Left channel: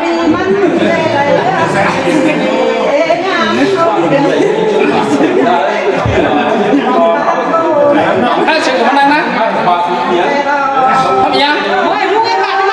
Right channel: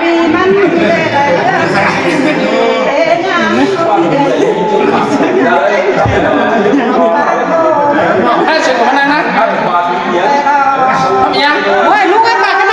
ปีมันให้เสร็จมันนะทำยังเฮ้ยลูกไอ้ปากอะไร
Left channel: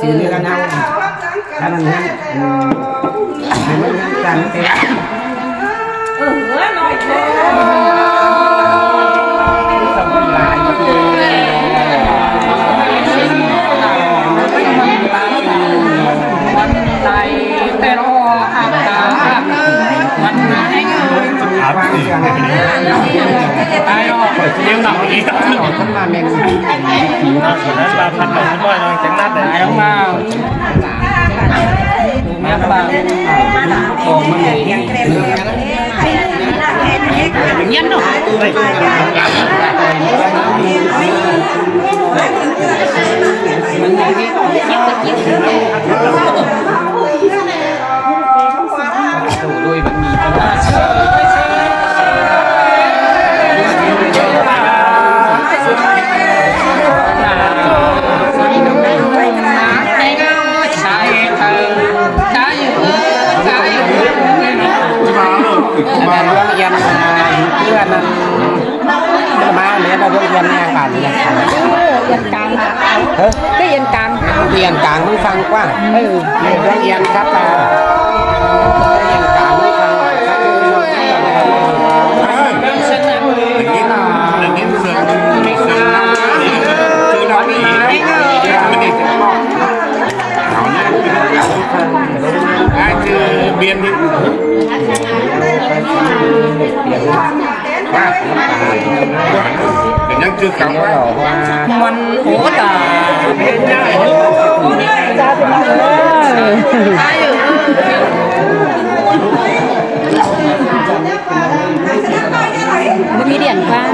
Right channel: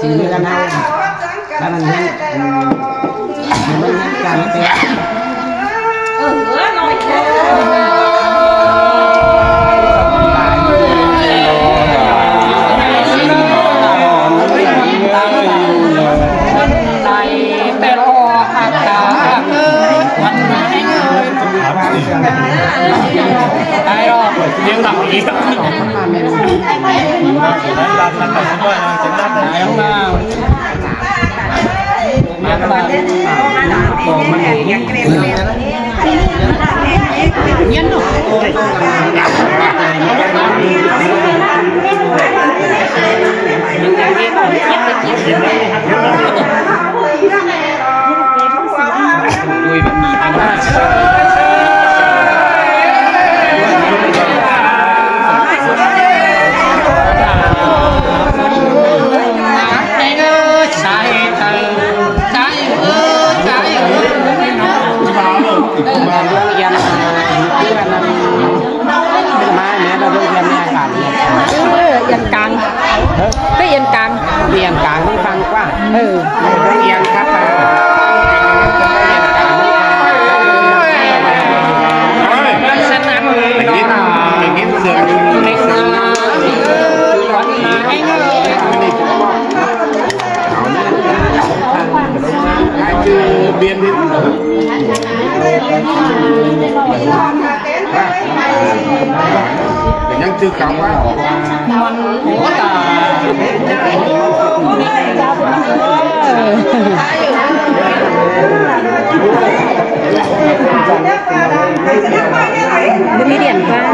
ซื้อกันเอาถ้ามันให้มันการเป็นหน่อยเลี้ยงหนักอีกนั้นบาท1,000น้อยจังนัดไหนของเราเลี้ยงบาทยังเกรดเลี้ยงยันหน่อยมันยังเก็บมันจะกินด้วยมันมีประมาณมาเรื่องยันเพื่อนมาเนี่ยเราเรื่องยันเนี่ยค่ะยันกลางได้ยันกลางที่ฟังกว่าได้ยันครับฉะนั้นอย่างนี้เสียงไม่งามคือวันมาให้เงยคือเบียนเป็นยังชื่อเขาว่ามันโหดอ่ะมันมีเดียนกลาง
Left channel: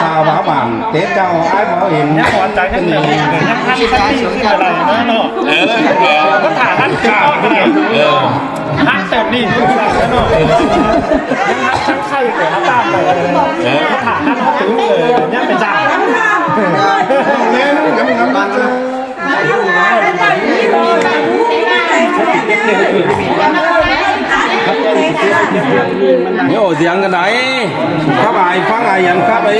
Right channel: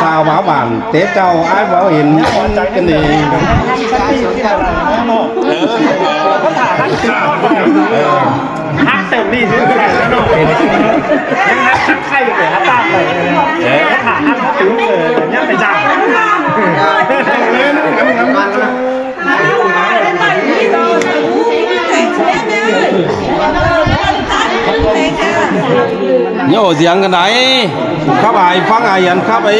สาวบ้าบ้านเตะเจ้าไอ้บ่เห็นเนี่ยหัวใจกันนี่ท่านชั้นที่ขึ้นอะไรนะเนาะก็ถามท่านข่าวอะไรฮักแต่นี่นี่อะไรเนาะยังฮักชักไข่กว่าตามไปก็ถามท่านเขาถึงเนี่ยไปจ่ายเ เสียงกันไหนครับไอ้ฟังไอ้ยันครับไอ้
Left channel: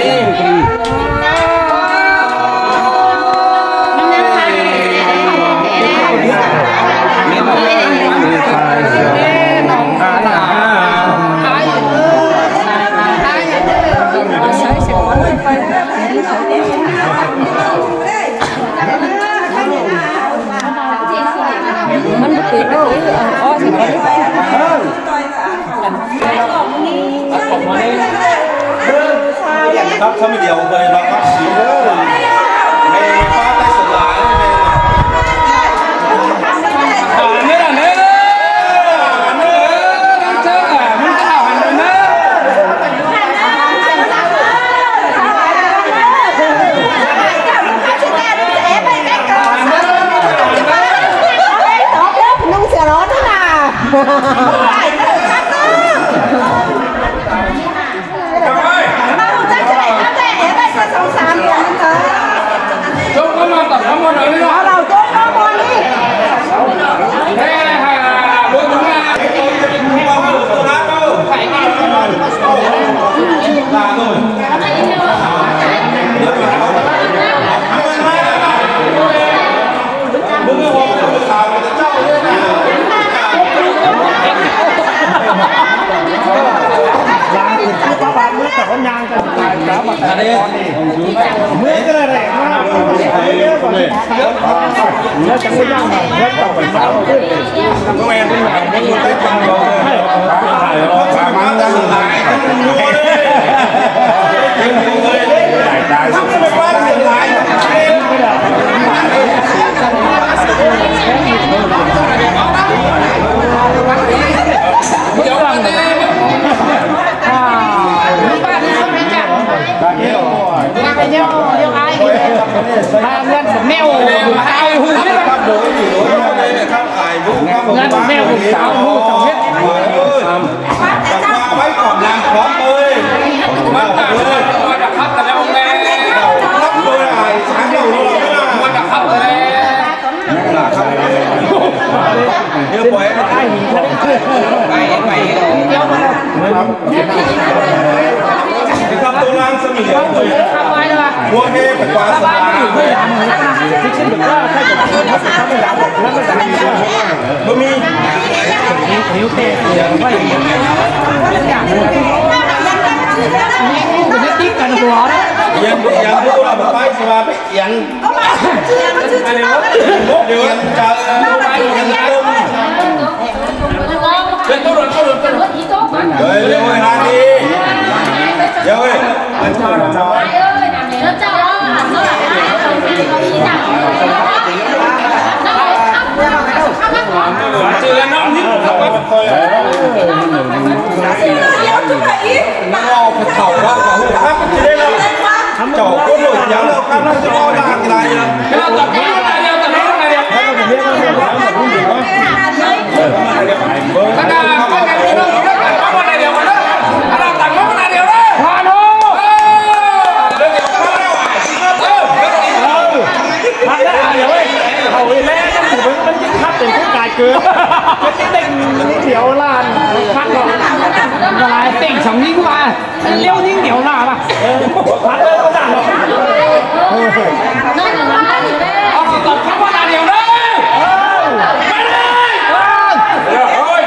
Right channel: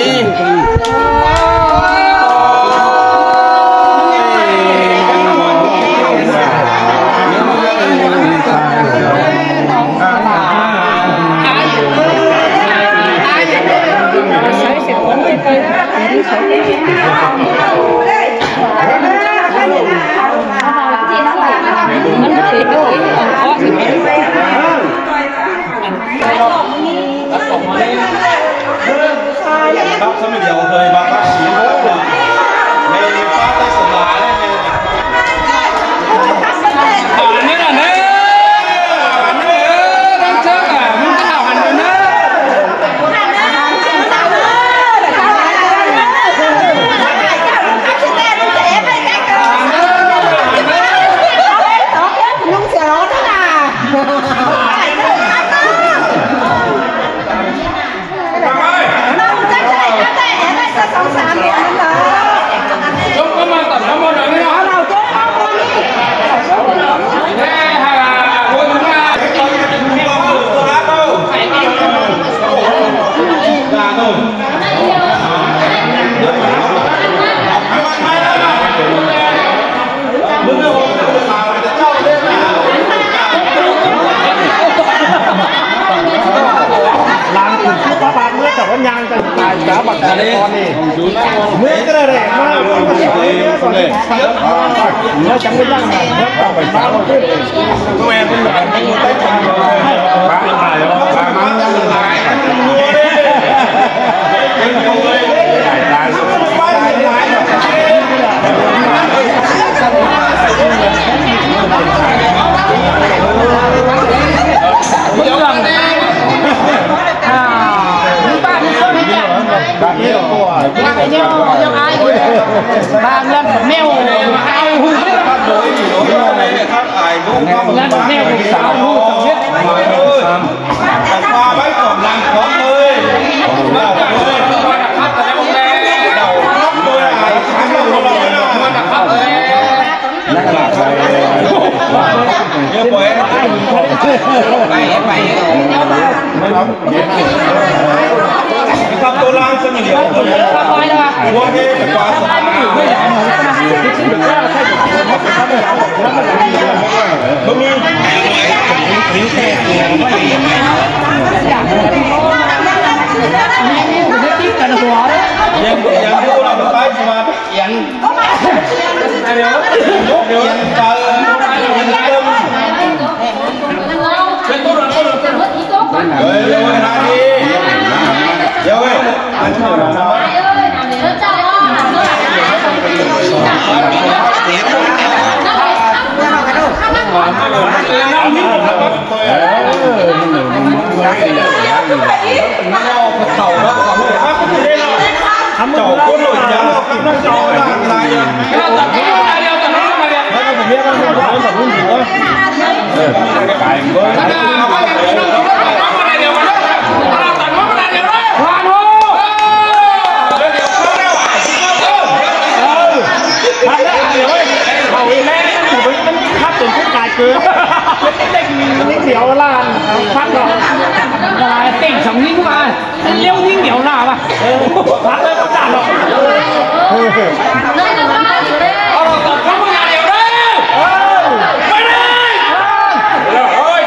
ครับสมัยเดียวเลยมาครับในป้าใต้สลายนี่แหละเนอะอันนี้ต้องเจออ่ะมึงจะเอาหันดูนะลุงเสียร้อนนะล้างถึงที่ป้าเมื่อแต่ว่ายางจะตายแล้วแบบนี้เมื่อก็เลยมากเมื่อจังไม่ย่างใหม่เมื่อต่อไปนอนขึ้นเมื่อแม่เป็นหวานเมื่อตั้งใจเลยปลามันยังหายตายบางเรื่องแบบแมวไอ้หูครับโดยครับไอ้หูครับแมวสาวหูสองเม็ดจับมาไว้ก่อนลังของเลยมาเลยเราครับโดยไอ้ช้างเราไม่น่าครับเลยนักล่าครับเยอะป่วยไอ้หีไปครับตัวลังสมิเดียวหัวเกย์กับปลาสลายไม่ยามเลยนะที่ฉันบอกว่าใช่กับคนเขาเป็นข้าวไม่ยามบอกนั่นไม่ได้บะหมี่นิ้วเตะเกลือว่าอย่างนี้อย่างนี้มันจะติ๊กกันหัวนะยังดูอะไรแบบใต้สวรรค์ยังนกเอียนเจอยังตึมเป็นตัวรถเฮ้ยเดี๋ยวเวลาดีเดี๋ยวเว้ยเต่าเราก่อนเลยครับจะได้เราเจ้าก็หลุดยังเราครับเราจะเอาด่างอะไรไม่ต้องตัดไม่ต้องอะไรแล้วผมเรียกว่าไม่ได้ผมไม่อยู่ไปเลยแล้วก็เอาอะไรเดียวกันนะเราตัดมาอะไรเดียวนะวานโฮเดี๋ยวเข้าแล้วพักแล้วเดี๋ยวเว้ยเขาอีแม่มันอยู่มันคับเป็นผู้กายเกลือเป็นเด็กนิดเดียวล้านพักก่อนอะไรติ่งสองยิ่งมาเลี้ยวยิ่งเดียวหน้าป่ะเอาตบเข้ามาเดียวเลยไม่ได้เฮ้ย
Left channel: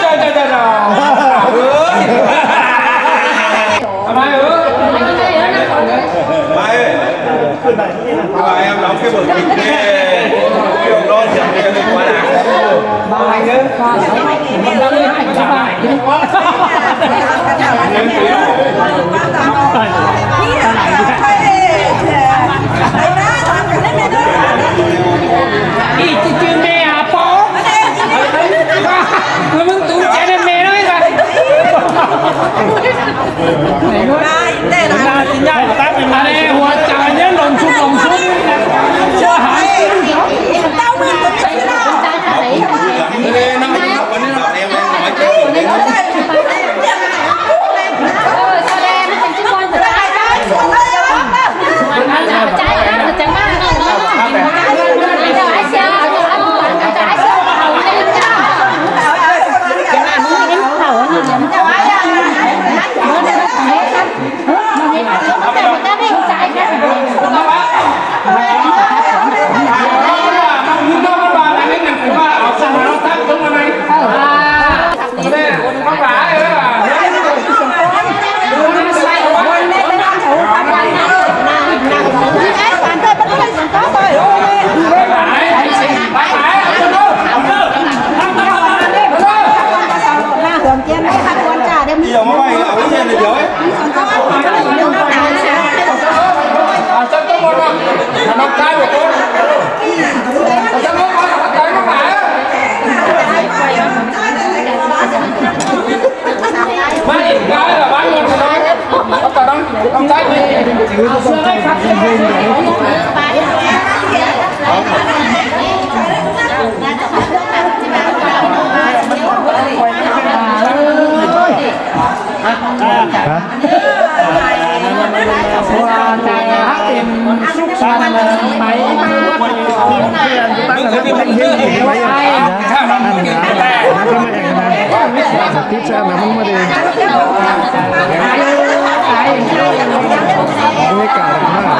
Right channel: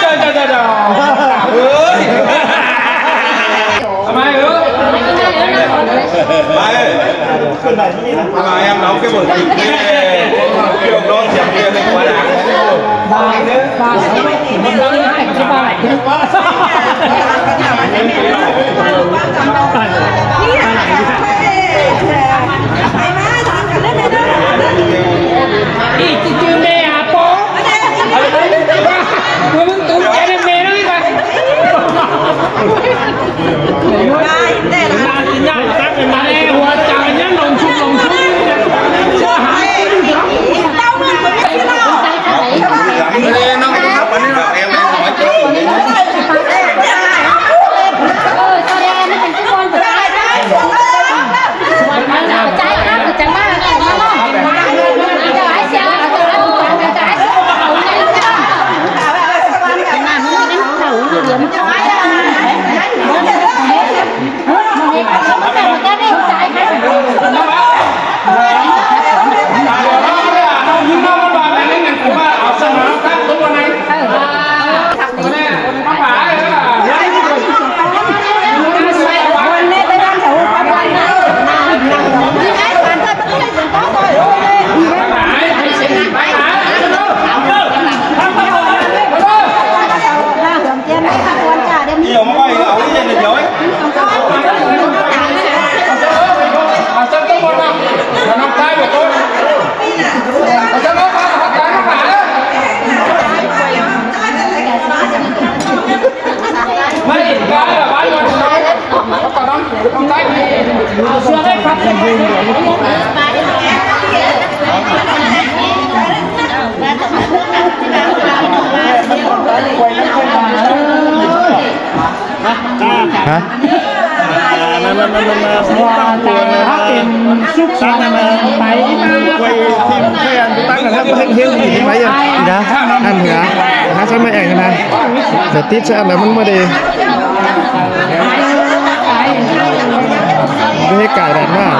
เจ้าเฮ้ยทำไมเออทำไมเราแค่บ่นช่วงรอดเสียงเรียนในหัวหลังมาเด้อมันต้องเล่นแต่จะไปตาไหนเนี่ยนี่จืดแม่อะป๊อแล้วมึงตุ้มใจเป็นแม่ได้ไหมน่าจะยากตั้งเป็นมาหัวใจเนี่ยลงชุบว่าหา ควยน้ำแข็งฮะว่าใจฮักเป็นสุขสันต์ไปมาควยทีมเพื่อนตั้งแต่ว่าเป็นเฮี้ยไว้ยังนะนั่นเหรอนะฉันไม่แองนะแต่ติดชาแบบมันไม่ได้ไม่กล้าดันมาก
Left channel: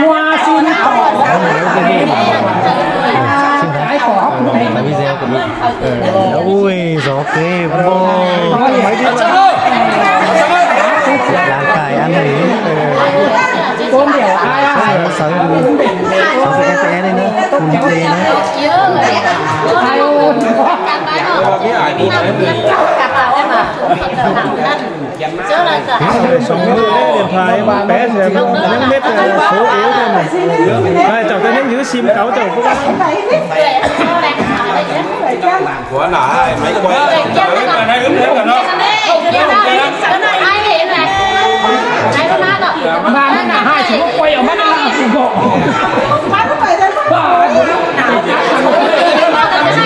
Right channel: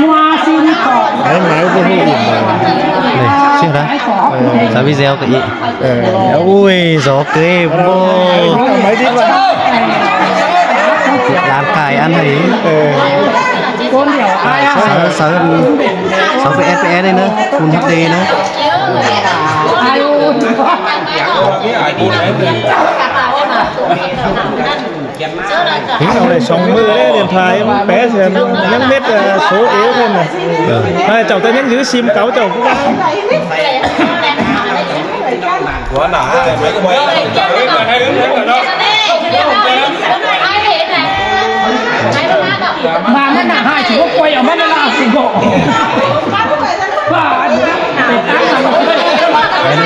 มัวซินต่อแล้วไหนก็ไม่รู้ชื่ออะไรซาบิเซลกันอีกอุ้ยสอกเกมโบยานตายอันไหนต้นเดียวไอ้เสือFPS เลยนะคุณดีนะไอ้อุ่นพี่ไอ้ดีเลยนี่เลยสองมือเลยเดินทายแป๊ะเสียยังเม็ดโซเอวเลยเนี่ยเจ้าแต่ยังยื้อซิมเก่าเจ้าพวกนั้นหัวหนาไม่ก็ไว้ให้เรื่อยๆกันเนาะมาไม่หนาให้ถือว่าป่วยออกมาไม่ลาสิโกบ้า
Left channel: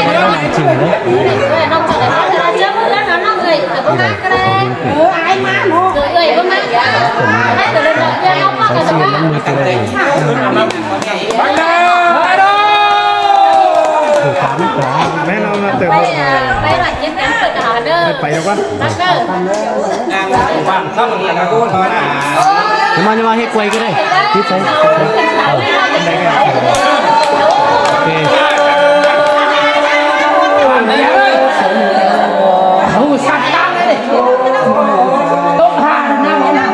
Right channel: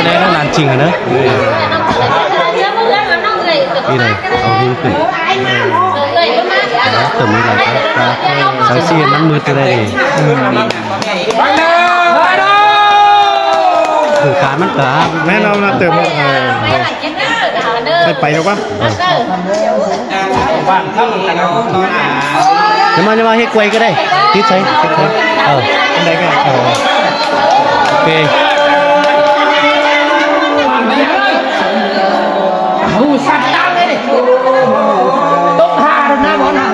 แล้วนานจริงนะนี่เลยเอาดิ้งขึ้นตัวนี้เลยสายเสียนน้ำมือตัวเลยถือขามันกะแม่เราเติมไปแล้วปะจะมาให้กวยก็ได้ที่ใช้ได้กันโอเคสัตว์ตามเลยตกหาเลยนะ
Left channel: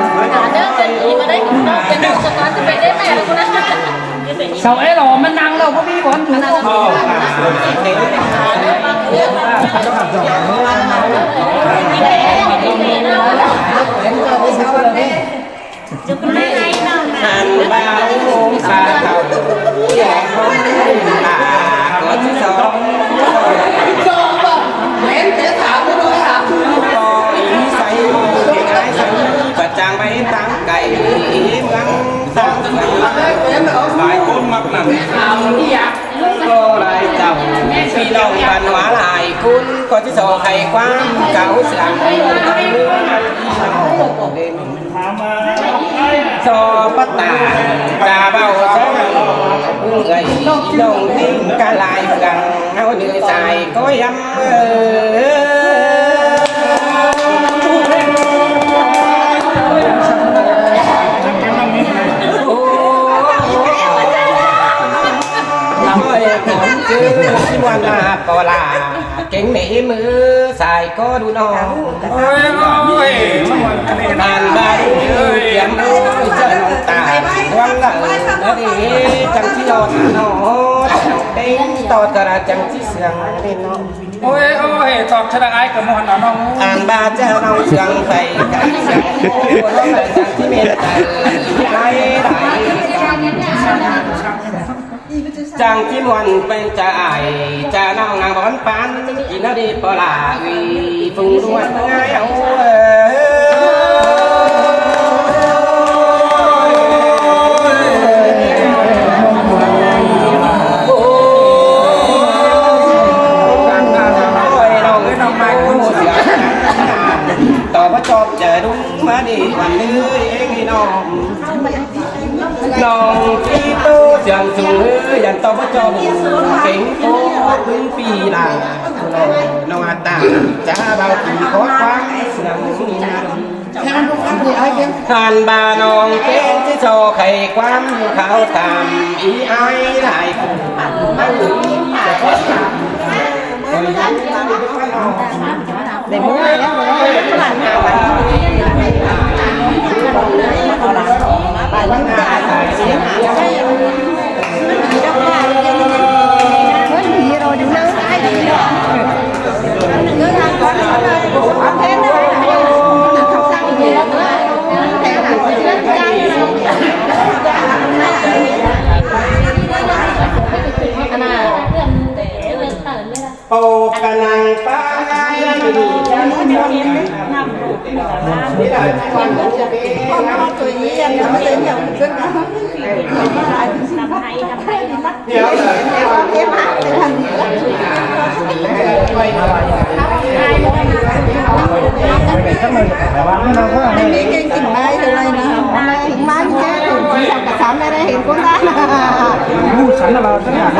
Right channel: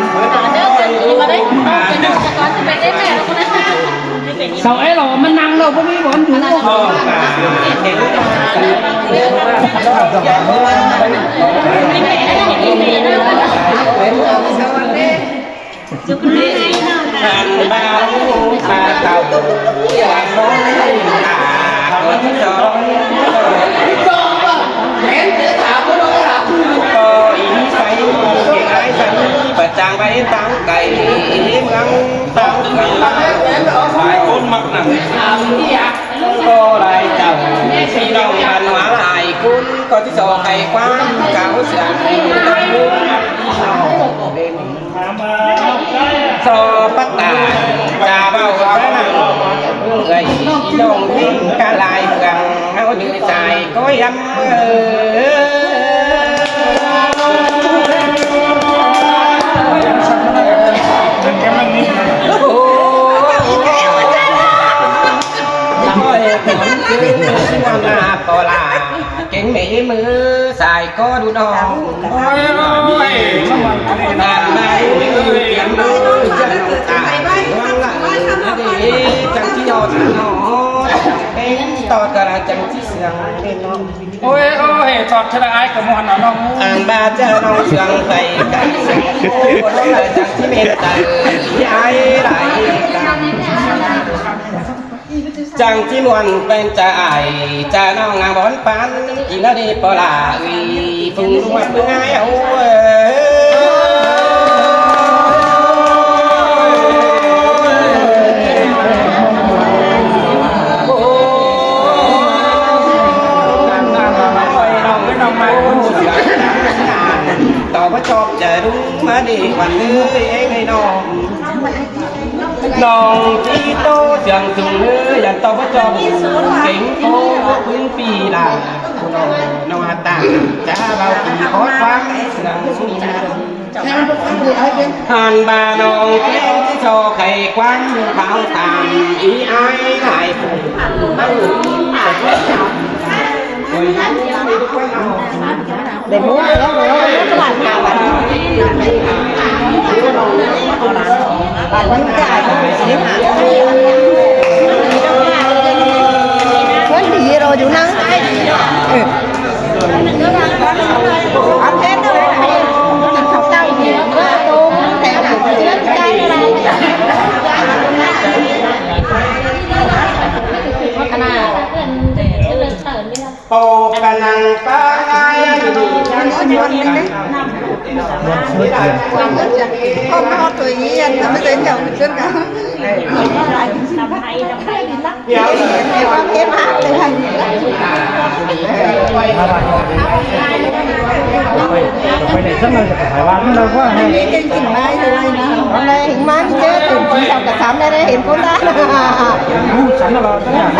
เสาไอ้หล่อมันนั่งเราก็มีบอลถูกบ้าลูกตาเต่าอย่างน้องตาคนสองก็อีใส่เก่งไอ้ใส่ประจางไปตั้งไก่เมืองตั้งเมืองบ้านหลายคนมักนำก็หลายเจ้าพี่น้องกันหวานหลายคุณก็ที่สองไข่คว้าเก่าเสือนตอนนู้นน้องเด่นโซปัตตาจาเบาซะหนังเอ้ยน้องทิ้งกะลายเฟืองเอาดื้อใส่ก็ย้ำวันลาปลาเก่งหนีมือใส่ก็ดูน้องโอ้ยนานมาดูเขียนดูจังตาร้องหลังดีจังที่นอนนอนเป็นต่อกระจังที่เสียงน้องโอ้ยตอดชนะไอ้กับมอนน้องอ่างบาเจ้าน้องเสียงไปกันเสียงโอ้น้องจังที่เมตตาที่ไอ้ไหลจังที่นวลเป็นจะไอจะน้องงามบอนปันกินแล้วดีปลาวีฟุ้งวัดเมื่อไงเอาน้องไม้คนเสียงานต่อพระจอบจะรุ่งมาดีวันเลยเองให้น้องน้องที่โตเสียงจุงยันต่อพระจอบเก่งโตพึ่งปีลาน้องอาตาจะเบาขี่ขอความเสียงหันบาน้องเก่งที่โชว์ไข่ความขาวตามอีไอ้หลายคนเอาจะแค่เด็กมั่วแล้วเราตลาดมาวันเอาหลานไปวันหน้าเพื่อนดีเราอยู่นั่งใต้ดีเนาะอันเทนเลยจะทำเต้าเยอะแต่หากเชื่อกันขนาดโปกะนังปายังดูยังวันนี้นะพ่อมาเอาตัวนี้ยันแต่ไม่ได้เที่ยวขึ้นกันมาหลายสิบพันกับแค่ดินลักเดี๋ยวเก็บหาเลยทันทีลัก ไปไหนสักหน่อยแต่ว่าไม่เราก็ให้เก่งจริงไหมอะไรนะอะไรมันเจ๊ถึงที่เราจะทำได้เห็นคนนั้นผู้ฉันเราตั้งหาก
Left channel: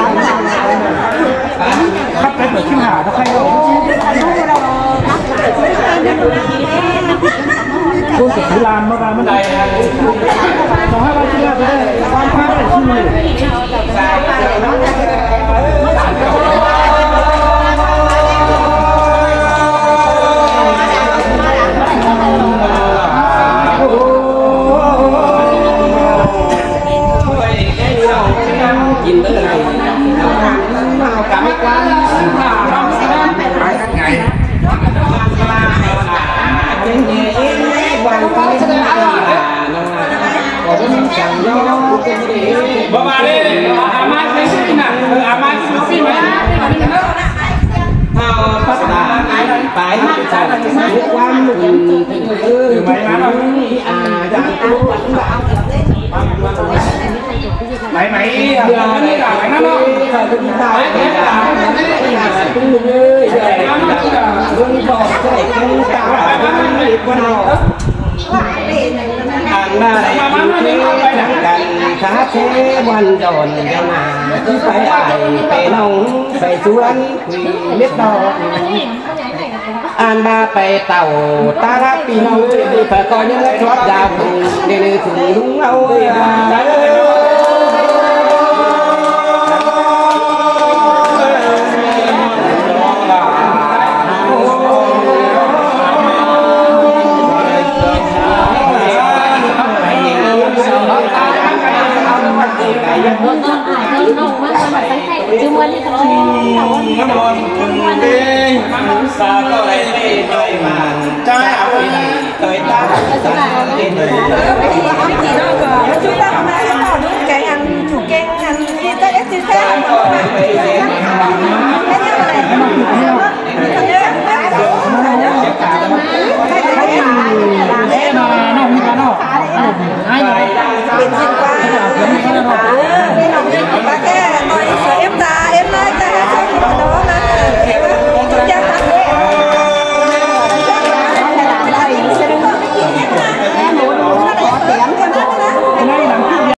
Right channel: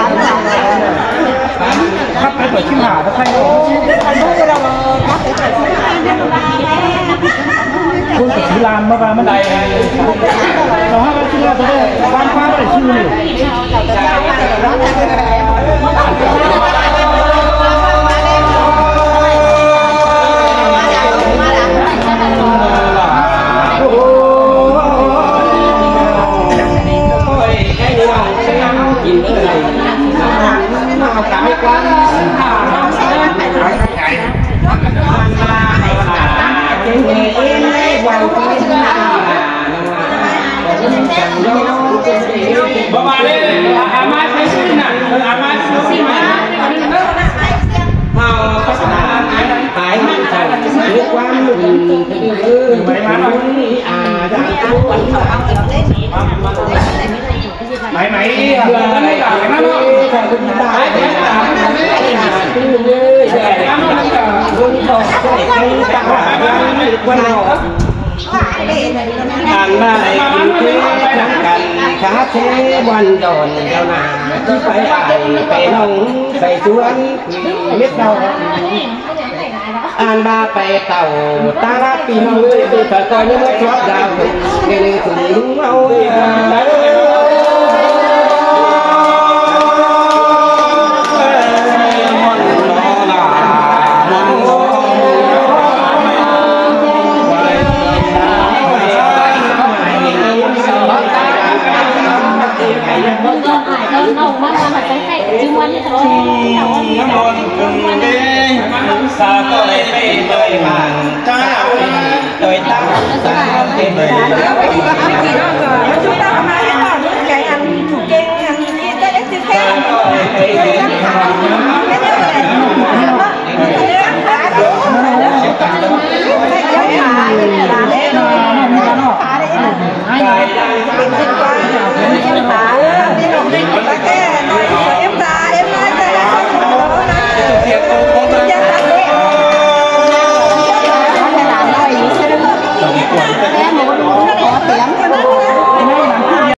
ขับไปเปิดชิ้นหาถ้าใครเราคุณกับพิรามมาบ้างไม่ได้ขอให้เราชิ้นเราจะได้บ้านข้าวได้ชื่อหนึ่งกินเลยเอากลับไม่กล้าบ่มาเลยอามาไม่ใช่น่ะอามาซื้อฟินนะเอาภาษาไปใส่เรียกว่ามึงไปหาเอาดังตัวไหนเบื่ออะไรกันนะเนาะคุณตายตึ้งเลยใหญ่เรื่องต่อใช่คุณตาวันรอทานได้กินเพื่อทั้งกันขาเทวันดอนเจ้าหน้าที่ไปอ่านไปน้องไปสวนเล็ดดอกอ่านมาไปเต่าตาลักปีน้องดีแต่ตอนนี้ชอบยาวเดี๋ยวถึงลุงเอาน้องมาทำอะไรให้จุ่มวันนี้ทั้งน้ำมันคุณเบ้สาก็เลยไปมาจ้าเอาเลยตาเต็มเลย